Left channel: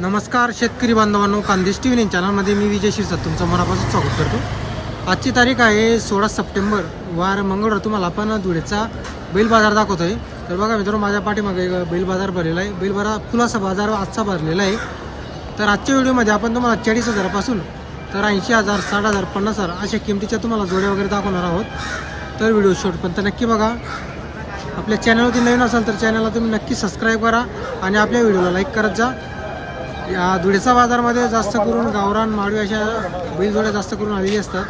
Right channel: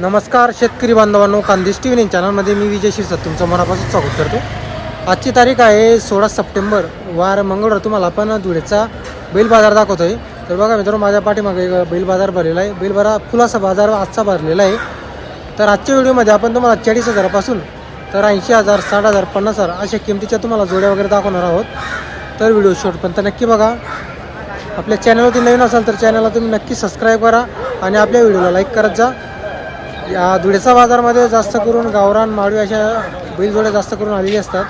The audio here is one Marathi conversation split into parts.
नमस्कार शेतकरी बांधवांनो खानदेश टी व्ही चॅनलमध्ये मी विजय शिरसाट तुमचं मनापासून स्वागत करतो. आजची तारीख आहे सोळा सप्टेंबर. वार मंगळवार तुम्हाला आपण धुळेचा बैल बाजार दाखवतो आहे तर बघा मित्रांनो माझ्या पाठीमागे एक बैल बाजार भरलेला आहे. बैल बाजार फुलाचा बाजार आजचा भरलेला आहे. तर आजच्या व्हिडिओमध्ये आपण तुम्हाला चाळीस हजारापासून तर ऐंशी हजार साठ हजार पन्नास हजार अशा किमतीच्या तुम्हाला जोड्या वगैरे दाखवणार आहोत. तर व्हिडिओ शेवटपर्यंत नक्की बघा. आपल्या चॅनलवरती नवीन असाल तर चॅनलला तुम्ही नक्की सबस्क्राईब करा आणि आपल्या व्हिडिओला लाईक करत जा. या धुळेचा बाजारमध्ये जास्त करून गावरान माळवी अशा बैलजोड्या जास्त करून आलेली असतात.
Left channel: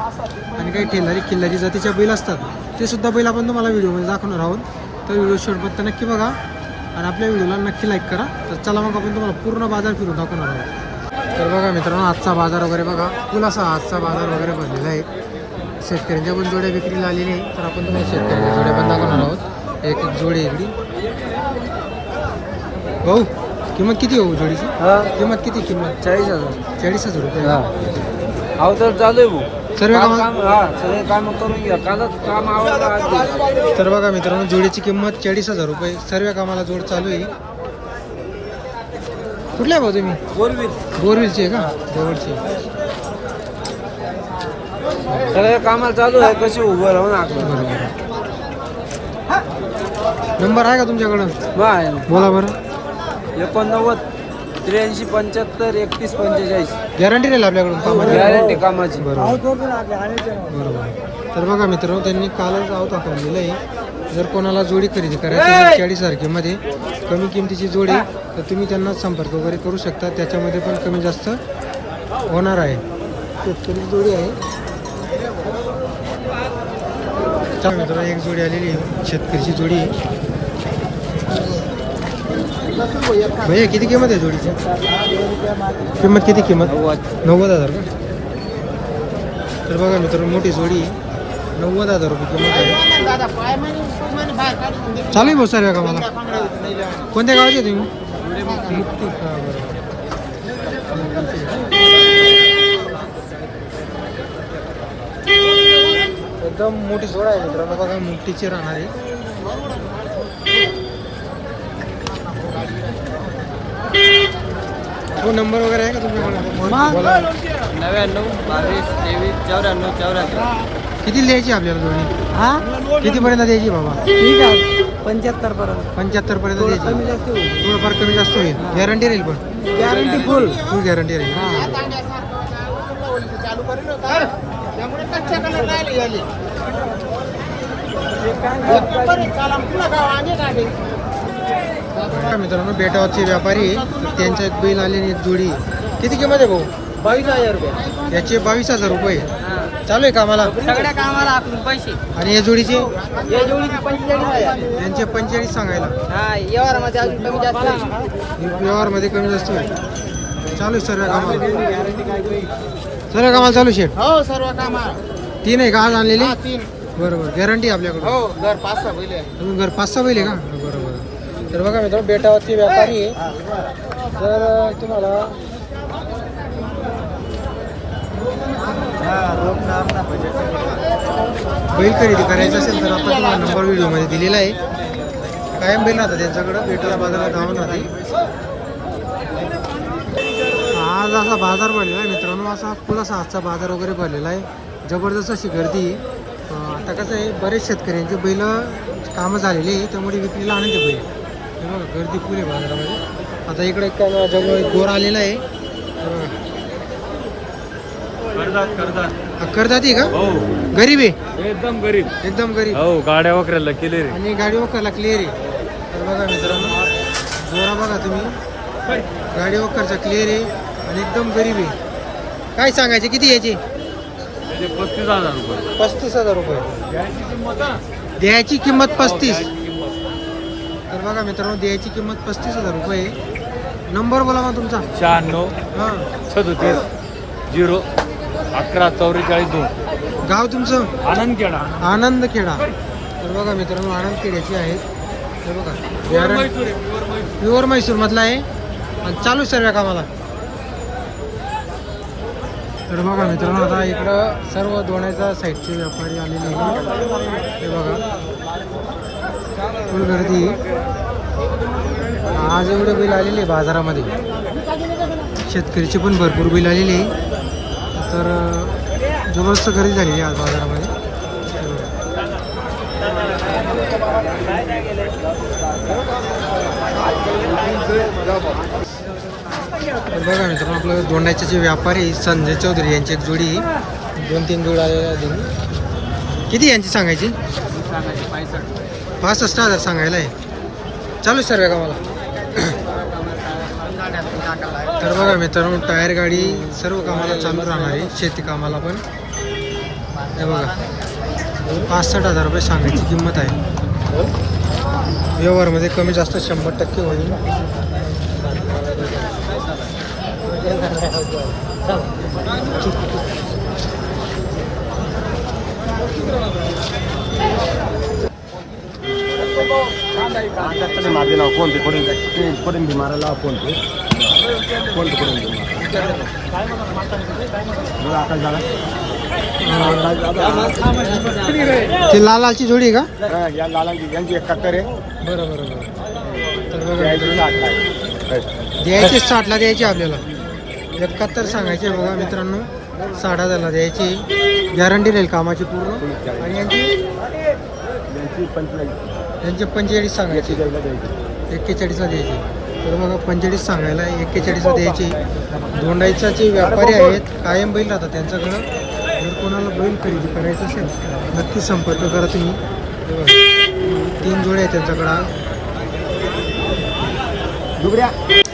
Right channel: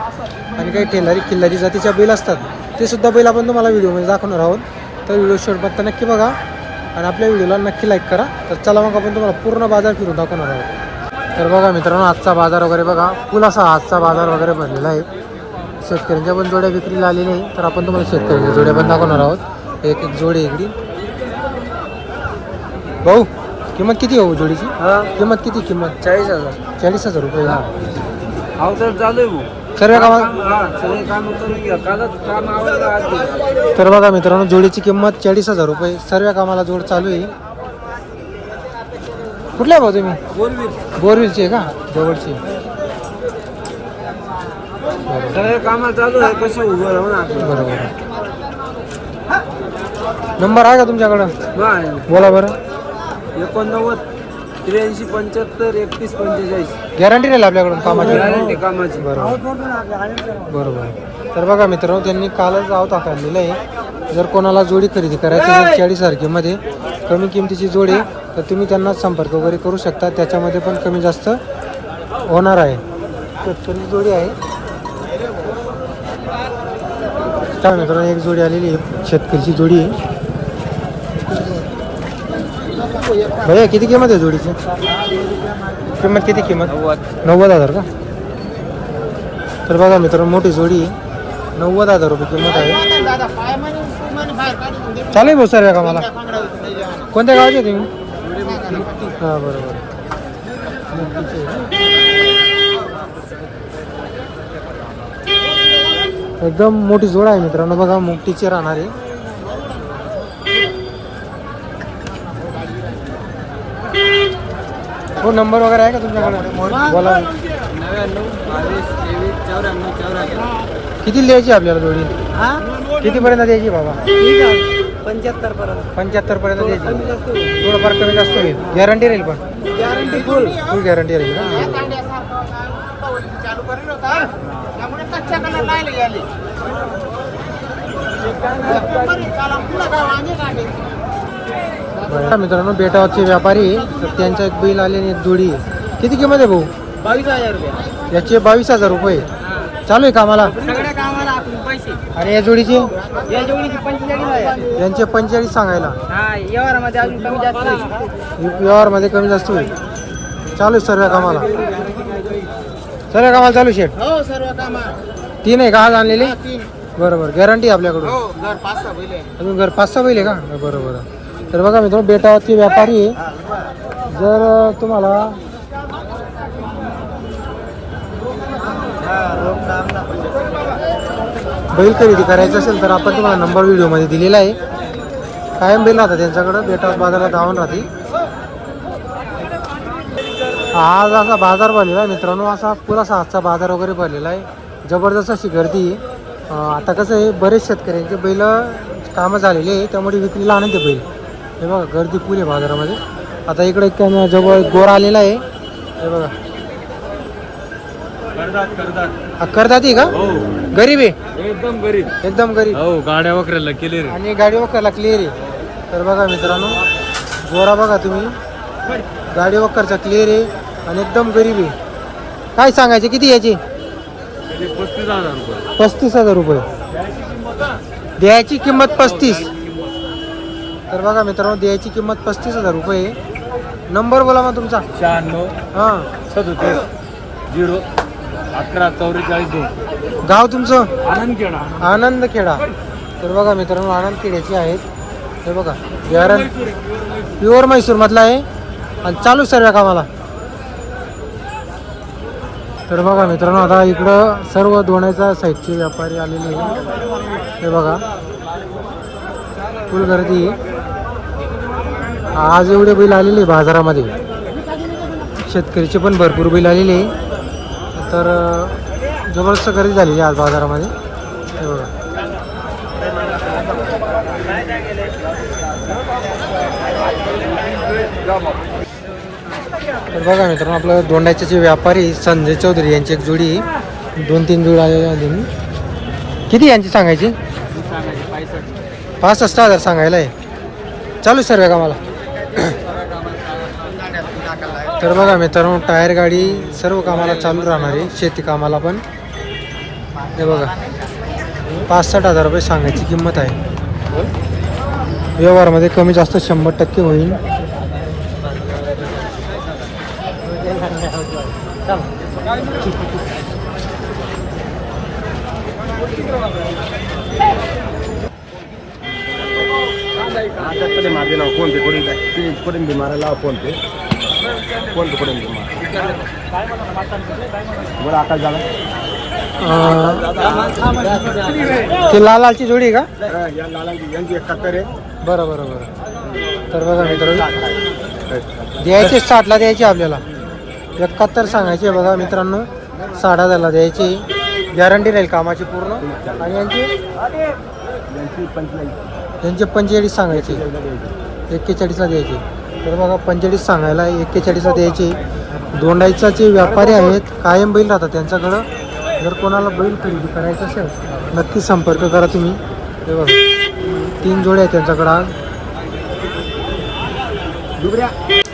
आणि काही ठेलारी किल्लारी जातीच्या बैल असतात. ते सुद्धा बैल आपण तुम्हाला व्हिडिओमध्ये दाखवणार आहोत. तर व्हिडिओ शेवटपर्यंत नक्की बघा. आणि आपल्या व्हिडिओला नक्की लाईक करा. तर चला मग आपण तुम्हाला पूर्ण बाजार फिरून दाखवणार आहोत. तर बघा मित्रांनो आजचा बाजार वगैरे बघा. फुल असा आजचा बाजार वगैरे भरलेला आहे. शेतकऱ्यांच्या पण जोड्या विक्रीला आली नाही तर आपण तुम्हाला शेतकऱ्यांच्या जोड्या पण दाखवणार आहोत. एक एक जोडी इकडी भाऊ किंमत किती भाऊ जोडीची? किंमत किती किंमत? चाळीस हजार. चाळीस हजार रुपये. अहो तर चालू आहे भाऊ. सर्व कामा काम हा सगळे काम करून घ्या. कालच काम आवडलं आज. दिलं. तर बघा मित्रांनो जोडीची किंमत चाळीस हजार रुपये. सर्व कामाला जोड चालू आहे. कुठल्या भाऊ तुम्ही? बोलवी बोरविलची आहे का? जवळची सगळे कामाला चालू आहे. कसे उभं राहून आपण. बरोबर. नंबर आहे का तुमच्याकडं? बोला बरं. एकोणनव्वद त्र्याऐंशी पंच्याहत्तर एकतीस पंचेचाळीस. गॅरंटी राहील आपल्याकडून कामाची? गॅरंटी कामाची. बरोबर. बरोबर. तर बघा मित्रांनो त्यांनी कालच आव टाकलेलं आहे. जर कोणाला जोडी खरेदी करायची चाळीस तारखेमध्ये कमी किमतीची जोडी तर तुम्ही त्यांना संपर्क वगैरे करू शकता. त्याच्यामध्ये पण कमी जास्त होणार आहे. शेतकरी जोडी आहे. चला मित्रांनो एक जोडी आलेली आहे. शेतकरीची जोडी आहे. भैया किती किंमत आहे जोडीची? किंमत किती किंमत? नव्वद हजार का? तर बघा मित्रांनो मोठी जोडी नव्वद हजार रुपये किंमत आहे. चालू आहे भाऊ का मला कोणत्या गावाचे तुम्ही? हां बरोबर. एकदम मोठी जोड आहे मित्रांनो. बघा मोठीची राहणार. आहे हो नंबर वगैरे आहे का तुमच्याकडे? बोला नव्याण्णव बावीस तेवीस चौऱ्याण्णव चौऱ्याहत्तर. किती द्यायची आपल्याला जोडी कितीपर्यंत द्यायची बाबा? ठीक आहे. पंच्याहत्तर पर्यंत पंच्याहत्तर पर्यंत द्यायची होईल. थोडंफार कमी जास्त होईल. गॅरंटी राहील पण. गॅरंटी फुल फुल गॅरंटी राहील ना? मित्रांनो बेटावरचे व्यापारी तर त्यांच्या एक बैल आले आणि एक जोडी. किती किंमत आहे भाऊ? बावीस हजार रुपये. याचे बावीस हजार रुपये. चालू आहे कामाला? सगळ्या कामाला पैसे. आणि या जोडीची? या जोडीचे पंचेचाळीस हजार यांचे पंचेचाळीस सांगायला. हा व्यवहारामध्ये अजून कमी जास्त होईल. व्यवहारमध्ये कमी जास्त होईल. चालू आहे सर्व कामाला. सर्व कामाला चालू शेट हो सर्व कामाला. तीन आहे का आज आणलेली? हा, तीन. बरोबर गॅरंटी आपल्याकडून. हो घर पाच सहा पहिले तुम्ही घर पाच सहा बैल आहे का? बरोबर. तर बघा मित्र बेटावरती व्यापारी आहे. जर तुम्हाला बैल खरेदी करायचं असेल तर आपण तुम्हाला नंबर व्हिडिओमध्ये दिलेला आहे. कायम बैल राहतात त्यांच्याकडं बेटावर बाजारला धावून राहते. आज असा बाजार भरलेला आहे मित्रांनो असा पुरासा आजचा बाजार वगैरे भरलेला आहे. जबरदस्त अशी गर्दी आहे. आता कसं आहे बरेच शेतकऱ्यांचे बैल कामं झालेले आहे त्यामुळे विक्रीला आणते बैल हे बघा गर्दी फुल आहे बाजारामध्ये. आता इकडे जवळ गोरा आलेला आहे. हे बघा. करतात करतात हा करदाती का? हो. गरीब आहे? एकदम गरीब. एकदम गरीब. हो गाड्या वगैरे केले रे आणि गाडी वक्करला क्लिअर आहे. तर बघा मित्रांनो गोरा बघा तुम्ही. गाडी वक्करचा क्लिअर आहे आणि एकदम गरीब आहे. काय सांगायचे? किती याचे? पस्तीस हजार रुपये. पस्तीस हजार रुपये. द्यायची किंमत पस्तीस. तर बघा मित्रांनो द्यायची किंमत पस्तीस हजार रुपये आहे. नंबर बोला मग तुमचा. शहाण्णव हां. सदोतीस झिरो अकरा चौवेचाळीस दोन. गाव तुमचं? आनंद केडा आनंद खेडा तर बघा मित्रांनो आनंद खेड्याची आहेत. हे बघा बिहार प्युअर म्हैसूर मधला आहे. आणि चालू सर्व कामाला. तर बघा मित्रांनो आता इकडं सर्व दोण्याचा साईडचे व्यापारी आलेले आहे हे बघा. फुल गर्दी. आज एवढे बैल आलेले आहे बाजारामध्ये. शेतकरीचे पण भरपूर बैल आलेले तर जबरदस्त गर्दी झालेली आहे आज बाजारामध्ये. हे बघा. तर बघा मित्रांनो आपलं दोंडाचे जे व्यापारी संजय चौधरी यांची एक जोडी दोन तीन जोड आलेली किती यांची सांगायची? पासष्ट हजार सांगायला आहे. चालू सर्व का मला तर बघा मित्रांनो टायर गाडी सर्व कामाला चालू राहणार आहे. शेती कामाला पण. हे बघा. पासष्ट हजार रुपये सांगायची किंमत आहे. व्यवहारामध्ये कमी जास्त शंभर टक्के होईल. माझे नाव फोन पे करून ते करून दे मारायला फोन पे फोन पे करून बरं आकाश झाला ते लालाची जोडी आहे का? या लालांची यांची एकाहत्तर आहे बरं बरं बरं. तर बघा मित्रांनो. द्यायचे साठला द्यायचे आपल्याला. एकाहत्तर सांगायचे बघा मित्रांनो. साठ हजारला द्यायची. गॅरंटी राहील कामाची पूर्ण. आणि यांची? यांची पंचेचाळीस यांचे पंचेचाळीस सांगायचे. एक्केचाळीसला द्यायचे. तर बघा पंचेचाळीस सांगायला एक्केचाळीसला द्यायचे. दोंडाईचा जे व्यापारी आहेत कायम बैल राहतात त्यांच्याकडं. जर कोणाला बैल खरेदी करायचं असेल नक्की संपर्क करा तुम्ही. ते बघा तीन जोडे आहेत त्यांच्याकडं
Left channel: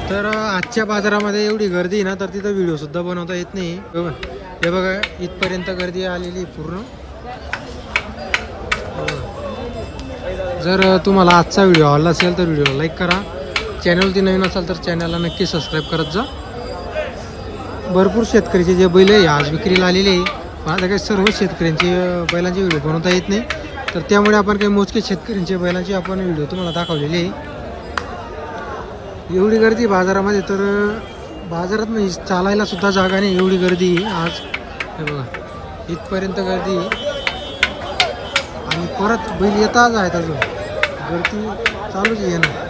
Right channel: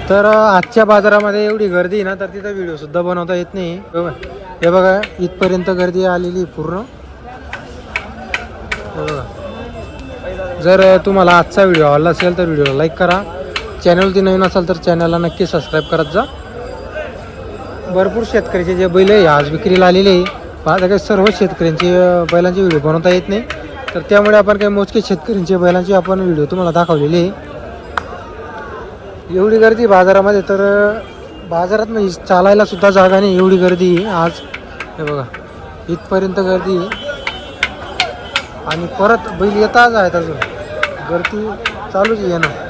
तर आजच्या बाजारामध्ये एवढी गर्दी आहे ना तर तिथं व्हिडिओ सुद्धा बनवता येत नाही. बरोबर हे बघा इथपर्यंत गर्दी आलेली आहे पूर्ण. हे बघा. जर तुम्हाला आजचा व्हिडिओ आवडला असेल तर व्हिडिओला लाईक करा. चॅनलती नवीन असाल तर चॅनलला नक्की सबस्क्राईब करत जा. भरपूर शेतकऱ्याचे जे बैल आहे आज विक्रीला आलेले आहे. माझ्या काही सर्व शेतकऱ्यांचे बैलांचे व्हिडिओ बनवता येत नाही. तर त्यामुळे आपण काही मोजके शेतकऱ्यांचे बैलांचे आपण व्हिडिओ तुम्हाला दाखवलेले आहे. एवढी गर्दी बाजारामध्ये तर बाजारात नाही चालायला सुद्धा जागा नाही एवढी गर्दी आज. हे बघा इथपर्यंत गर्दी आहे. आणि परत बैल येताच आहेत अजून. गर्दी चालूच येणं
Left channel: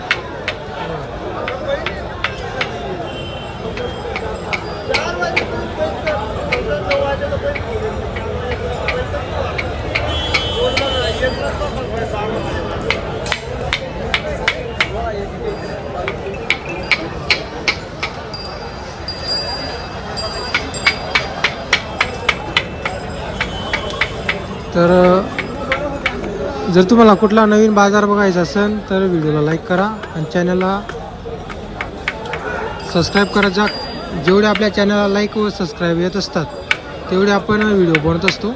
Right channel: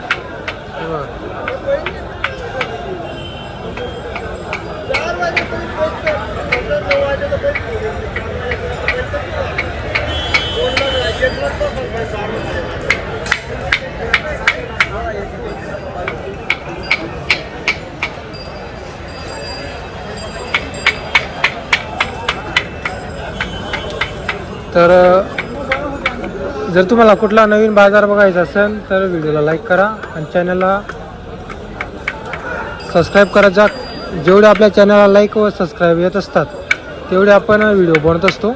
तर जर तुम्हाला कुठला नवीन बाजार बघायचा असेल तर व्हिडिओला लाईक करा आणि चॅनलला सबस्क्राईब करा. जा जेवढे आपल्या चॅनलला लाईक व सबस्क्राईब येत असतात तेवढे आपण व्हिडिओ बनवत असतो.